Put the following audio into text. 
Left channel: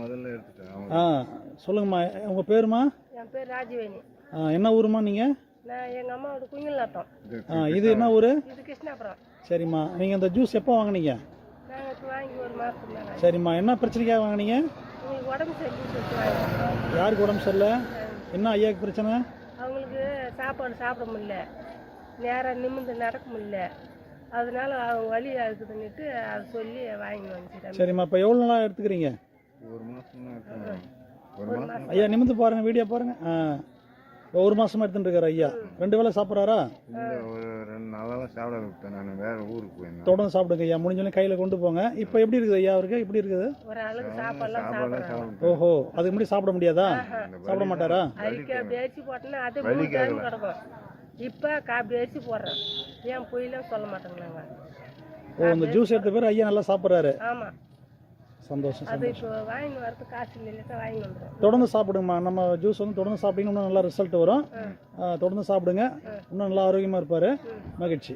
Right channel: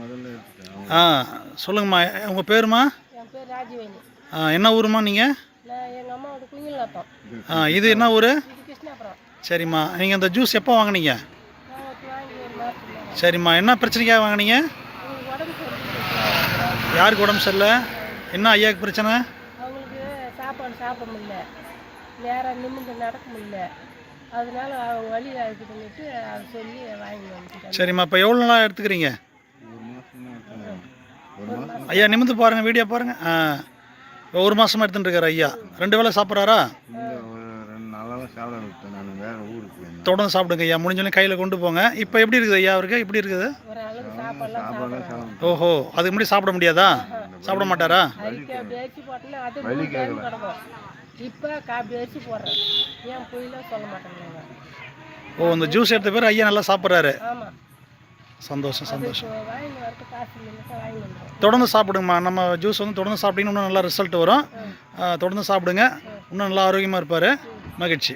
முதல்ல எடுத்துட்டேன். ஆ சொல்லுங்கம்மா, உங்கள் பேருமா? என் பேர் ராஜவேணி. என்ன ஊருமா நீங்கள்? நான் எங்கள் அம்மாவோட குயில்நாத்தம். இது என்ன ஊர்? இது கிருஷ்ணாபுரம். சரிம்மா, நீங்கள் இந்த ஜூஸ் எப்போ வாங்குனீங்க? நாங்கள் இப்போ வாங்கி ஒரு மாதத்துக்கு. சரிம்மா, என்ன பிரச்சனைக்காக வாங்குனீங்க? உங்களுக்கு உடம்பு சரியில்லை. யாருக்கு உடம்பு சரியில்லை? என்ன ஐயாவுக்கு பிரச்சனை? அவங்களுக்கு சாப்பாடு சாப்பிட முடியல, நேராக நிமிர்ந்து நடக்க முடியல, அதனால அவங்க வழி இருக்குதுன்னுட்டு அதை சொல்லி வாங்கி வந்துட்டாங்க. சரிம்மா, இப்போ எவ்வளோ நாளாக எடுத்துக்கிறீங்க? ஒரு மாதம் எடுத்தேன். ஒரு மாதம் ஐயா நிமிர்ந்து பாருங்கள், வீடியோ பாருங்கள். இப்போ ஒரு மாதமாக எடுத்துகிட்டு இருக்காரு ஐயா. 2 வேளை சாப்பிட்றாரா? இல்லை, ஒரு 2 நாளாக சாப்பிட விட்டேன். நான் வேறு ஊருக்கு போயிருந்தேன். தொடர்ந்து சாப்பிடுங்க ஐயா, முடிஞ்சோடனே கையில் கொண்டு போங்க. இப்போ எப்படி இருக்குது ஐயா அவருக்கு? எப்படி இருக்குது? ஒரு அளவுக்கு சாப்பாடுலாம் சாப்பிட்றாங்க. ஓஹோ, அதுக்கு முன்னாடி சாப்பிட முடியாதா? சாப்பிட மாட்டாரா? அதுக்கு பேச்சு போட்டோன்னா அது கிடக்கும். இப்போ பேச்சு போடுறேன், ஏன் பொய்லாம் சொல்ல மாட்டேங்கிறாங்க. ஓ, இந்த ஜூஸ் எடுத்த பேர் ஐயா நல்லா சாப்பிட்றாரு. ஆமாம், சந்தோஷம் சந்தோஷம். வாங்கி வரது காசு இல்லைன்னு வாங்கி வந்துடும். தொடர்ந்து சாப்பிடுங்கம்மா. நம்ம ஜூஸ் வந்து தொடர்ந்து சாப்பிட்டீங்கன்னா இன்னும் நல்லா ரிசல்ட் வரும். தொடர்ந்து சாப்பிடுங்க, இன்னும் நல்லா ஆரோக்கியமாக இருப்பார். மகிழ்ச்சி.